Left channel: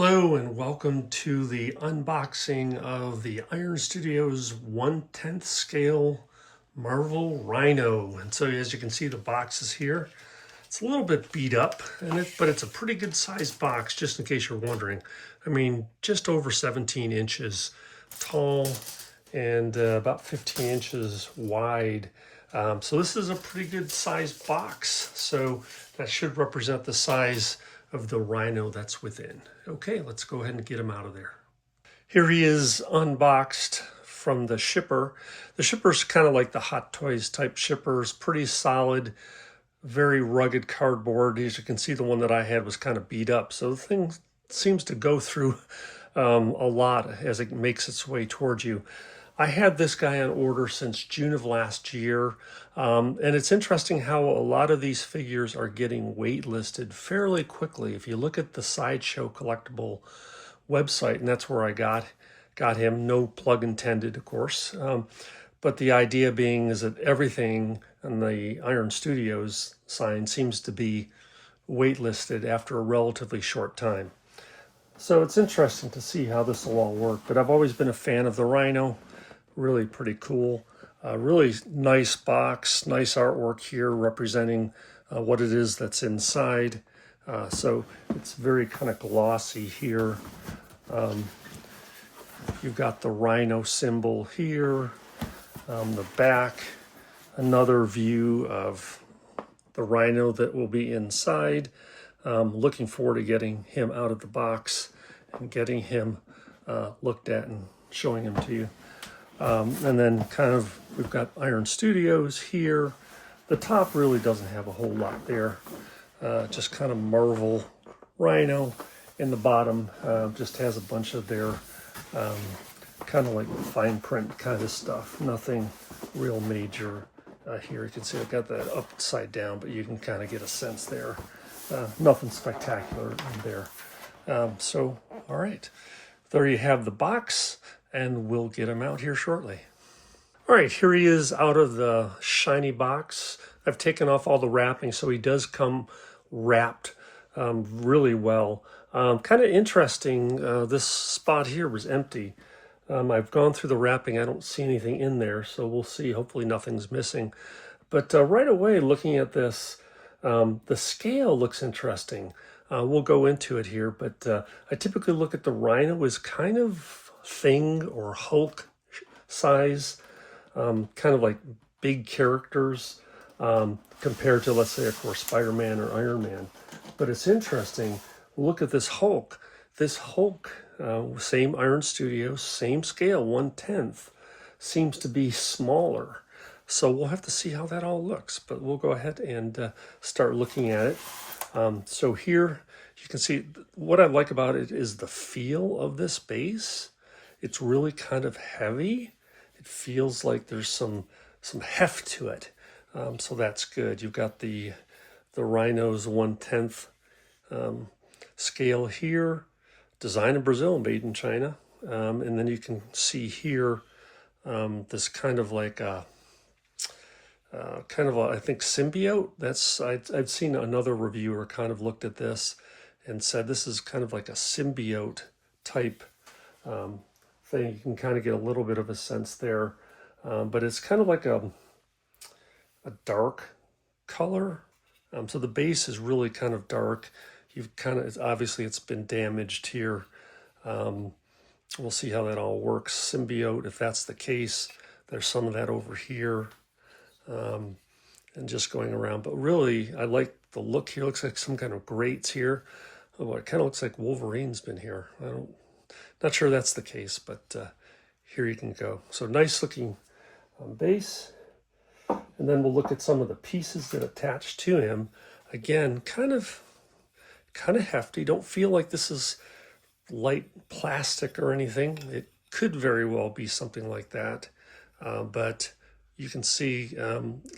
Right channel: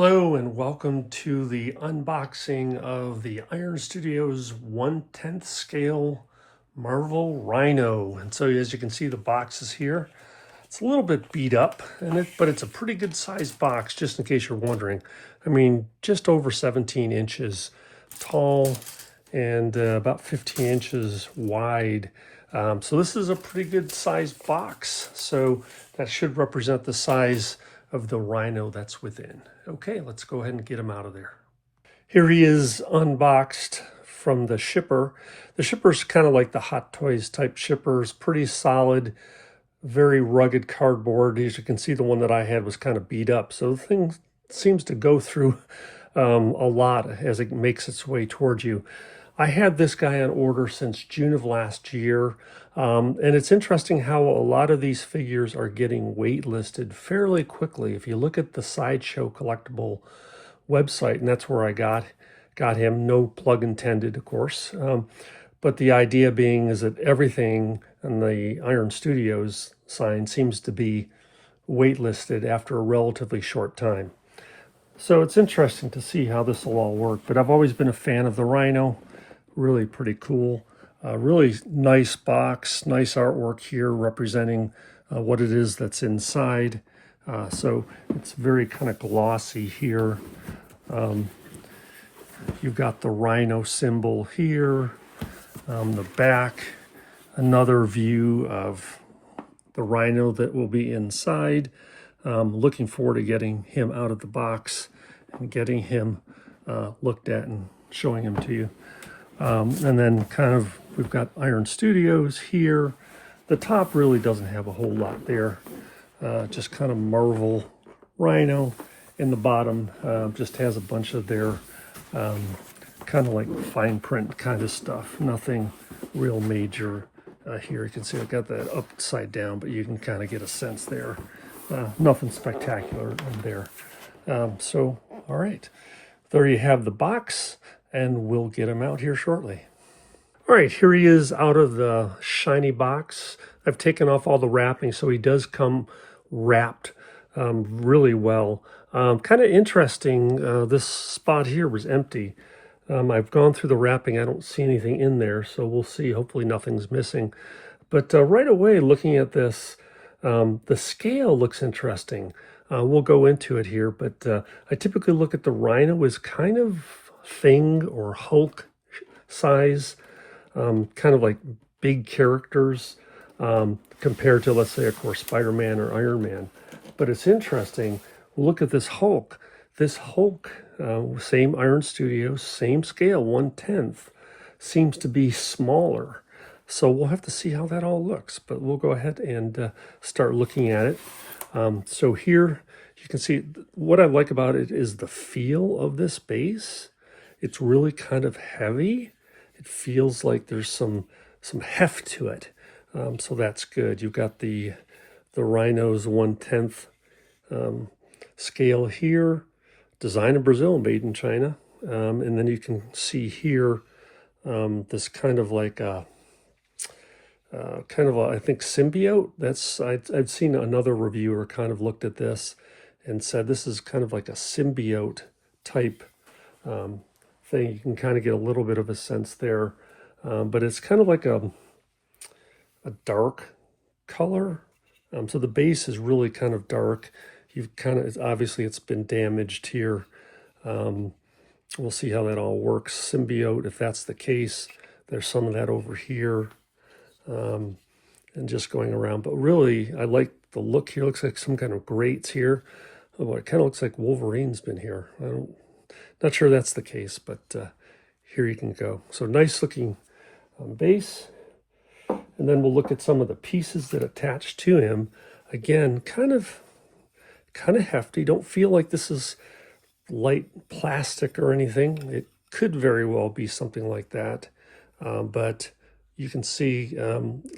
Hello and welcome to the unboxing of the Iron Studios 1/10 scale Marvel Rhino. And so as you can see, the box is here. It's a little bit beat up, but it's a pretty good sized box, just in case you're wondering. I mean, just over 17 inches tall and about 15 inches wide. So this is a pretty good sized box. So that should represent the size of the Rhino that's within. Okay, let's go ahead and get him out of there. Here he is unboxed from the shipper. The shipper's kind of like the Hot Toys type shippers, pretty solid, very rugged cardboard. As you can see, the one that I had was kind of beat up. So the thing seems to go through a lot as it makes its way towards you. I had this guy on order since June of last year. And it's interesting how a lot of these figures are getting waitlisted fairly quickly. If you look at the Sideshow Collectible website, and that's where I got him, no plug intended, of course. But the idea being is that everything on the Iron Studios sign seems to be waitlisted after a relatively short time. So it's interesting to see how this will all work. But I've always been a fan of the Rhino. Really pretty cool. Really nice box, nice artwork here representing what it is that's inside. So it's very kind of glossy here. You've got the Rhino symbol here on the back. Another view of the Rhino that will be inside. Looking forward to getting him out of the box and getting him looked at and showing him to you. And then kind of, we've got Iron Studios here. The top really doesn't have a whole lot there. Just kind of Marvel Rhino. In the bottom just has a bunch of their kind of like fine print kind of stuff. Nothing real major here. You can see I got that upside down, but you can kind of get a sense there. Nothing spectacular in there. So, all right. There you have the box, and we'll get him out here shortly. All right, here he is out of the shiny box. I've taken off all the wrapping, so he does come wrapped really well. Kind of interesting, this spot here was empty. I've gone through the wrapping. I don't see anything in there, so we'll see. Hopefully nothing's missing. But right away, looking at this, the scale looks interesting. We'll go into it here, but I typically look at the Rhino as kind of Thing or Hulk size, kind of like big characters compared to, let's say, of course, Spider-Man or Iron Man. But it's interesting. Look at this Hulk. This Hulk, same Iron Studios, same scale, 1/10, seems to be smaller. So we'll have to see how that all looks. But we'll go ahead and start looking at it. So here you can see what I like about it is the feel of this base. It's really kind of heavy. It feels like there's some heft to it. So that's good. You've got the Rhino's 1/10 scale here, designed in Brazil, made in China. And then you can see here this kind of like a I think symbiote. That's I've seen another reviewer kind of looked at this and said this is kind of like a symbiote type thing. You can kind of get a little bit of a sense there, but it's kind of like a dark color. So the base is really kind of dark. You've kind of, obviously it's been damaged here. We'll see how that all works. Symbiote, if that's the case, there's some of that over here. And just going around, but really I like the look here. It looks like some kind of grates here. Oh, it kind of looks like Wolverine's been here. Not sure that's the case, but here you can go. So nice looking base. And then we'll look at some of the pieces that attach to him. Again, kind of hefty. Don't feel like this is light plastic or anything. It could very well be something like that. But you can see,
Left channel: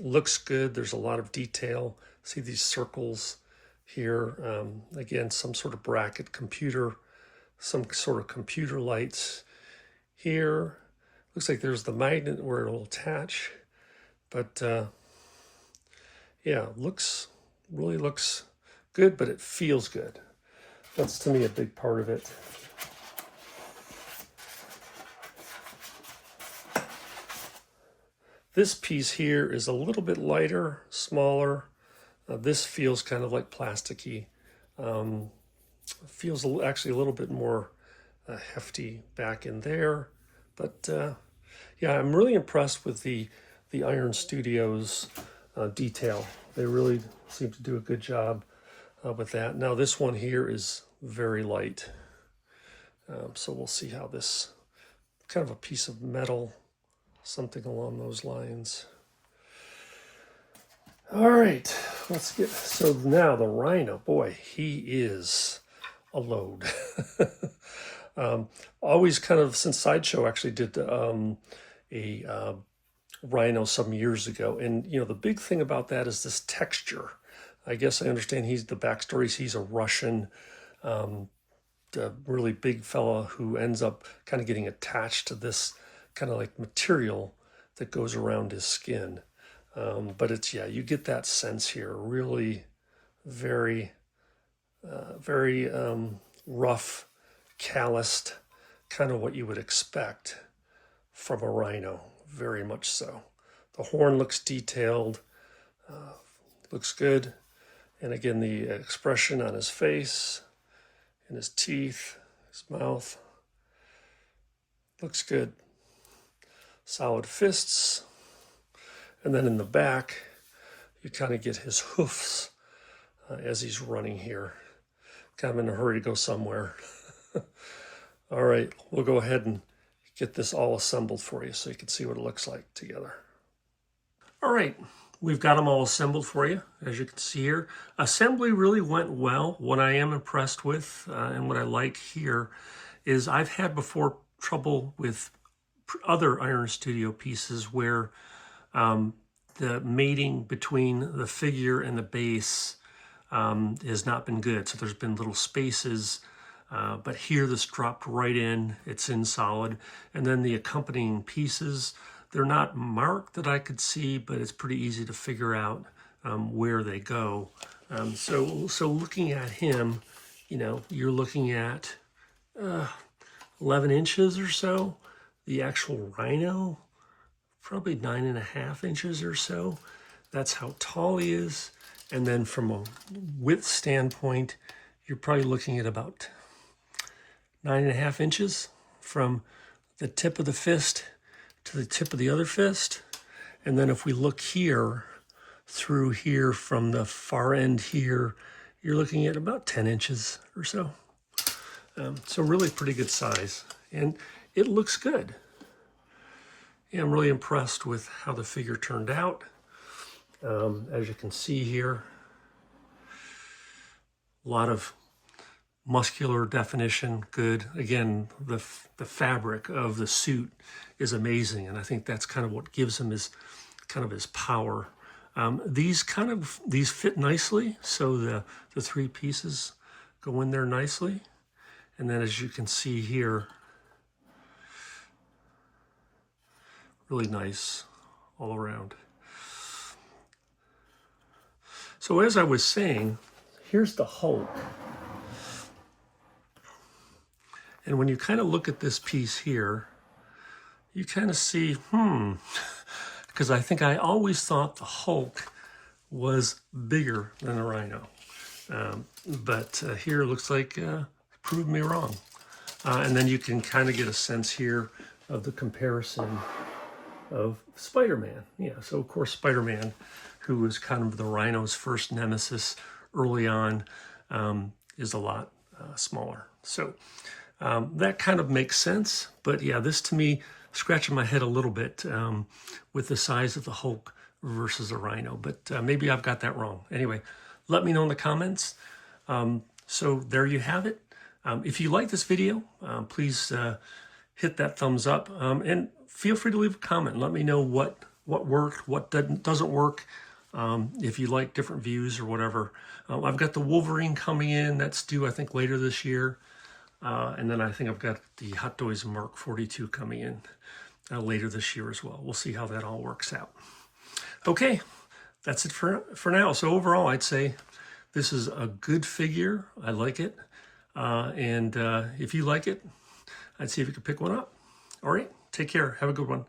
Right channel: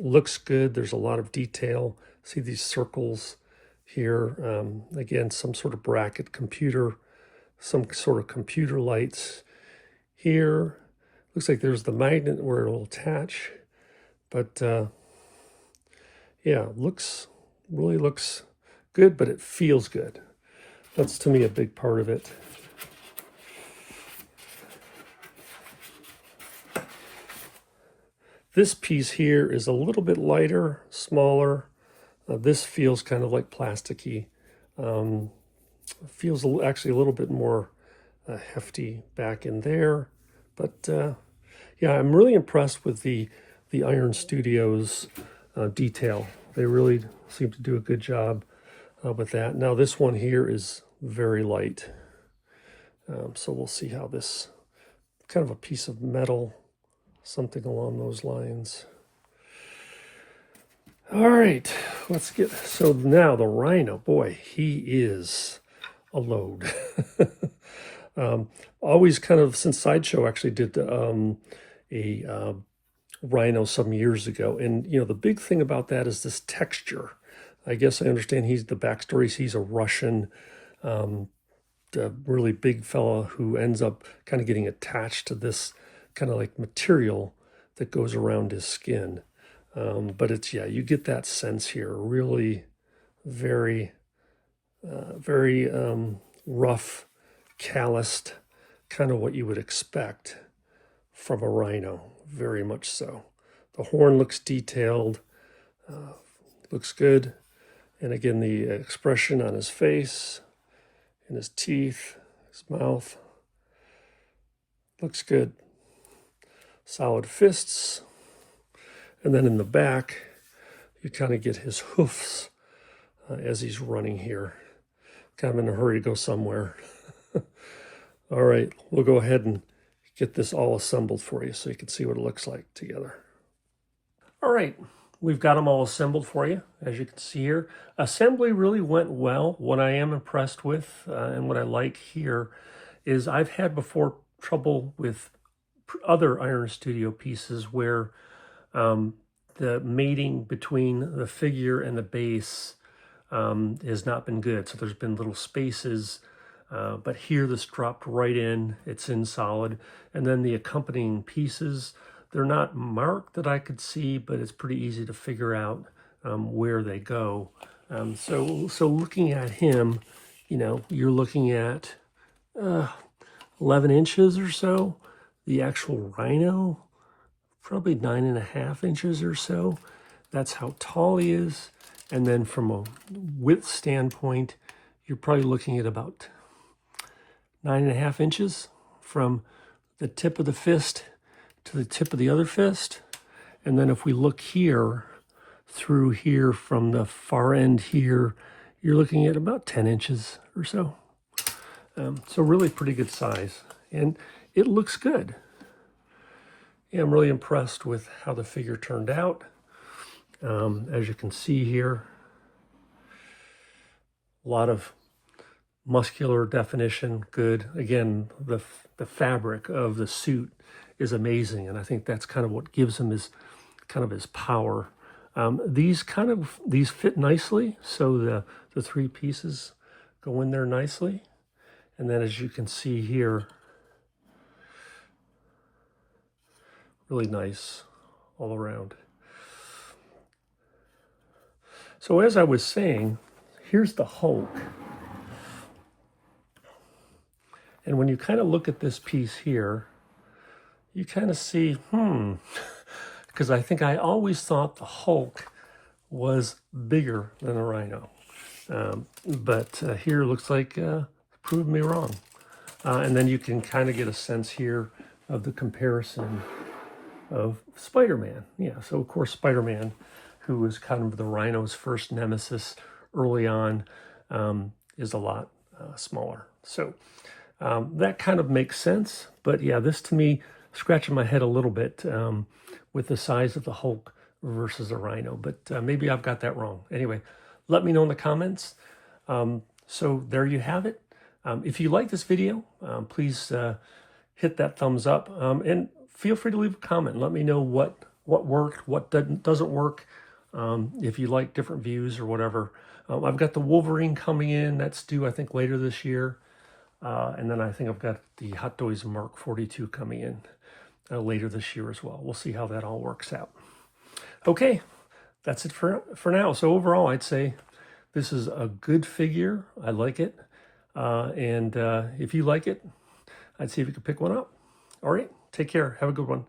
looks good. There's a lot of detail. See these circles here. Again, some sort of bracket computer, some sort of computer lights here. Looks like there's the magnet where it'll attach. But yeah, really looks good, but it feels good. That's to me a big part of it. This piece here is a little bit lighter, smaller. This feels kind of like plasticky. Feels actually a little bit more hefty back in there. But yeah, I'm really impressed with the Iron Studios detail. They really seem to do a good job with that. Now this one here is very light. So we'll see how this, kind of a piece of metal, something along those lines. All right, let's get, so now the Rhino, boy, he is a load. Always kind of, since Sideshow actually did a Rhino some years ago. And, you know, the big thing about that is this texture. I guess I understand the backstory is he's a Russian, really big fella who ends up kind of getting attached to this kind of like material that goes around his skin. But it's, yeah, you get that sense here, really very, very rough, calloused, kind of what you would expect from a Rhino, very much so. The horn looks detailed, looks good. And again, the expression on his face and his teeth, his mouth, looks good. Solid fists. And then in the back, you kind of get his hoofs as he's running here. Kind of in a hurry to go somewhere. All right, we'll go ahead and get this all assembled for you so you can see what it looks like together. All right, we've got them all assembled for you, as you can see here. Assembly really went well. What I am impressed with and what I like here is I've had before trouble with other Iron Studio pieces where the mating between the figure and the base has not been good. So there's been little spaces, but here this dropped right in, it's in solid. And then the accompanying pieces, they're not marked that I could see, but it's pretty easy to figure out where they go. So looking at him, you know, you're looking at 11 inches or so. The actual Rhino, probably 9.5 inches or so. That's how tall he is. And then from a width standpoint, you're probably looking at about 9.5 inches from the tip of the fist to the tip of the other fist. And then if we look here, through here from the far end here, you're looking at about 10 inches or so. So really pretty good size. And it looks good. Yeah, I'm really impressed with how the figure turned out. As you can see here, a lot of muscular definition, good. Again, the fabric of the suit is amazing, and I think that's kind of what gives him his power. These fit nicely, so the three pieces go in there nicely. And then as you can see here, really nice all around. So as I was saying, here's the Hulk. And when you kind of look at this piece here, you kind of see, because I think I always thought the Hulk was bigger than a Rhino. But here looks like proved me wrong. And then you can kind of get a sense here of the comparison of Spider-Man. Yeah, so of course Spider-Man, who was kind of the Rhino's first nemesis early on, is a lot smaller. So that kind of makes sense. But yeah, this to me, scratching my head a little bit with the size of the Hulk versus a Rhino. But maybe I've got that wrong. Anyway, let me know in the comments. So there you have it. If you like this video, please hit that thumbs up and feel free to leave a comment. Let me know what worked, what doesn't work, if you like different views or whatever. I've got the Wolverine coming in. That's due, I think, later this year. And then I think I've got the Hot Toys Mark 42 coming in later this year as well. We'll see how that all works out. Okay, that's it for now. So overall, I'd say this is a good figure. I like it. And if you like it, I'd see if you could pick one up. All right, take care. Have a good one.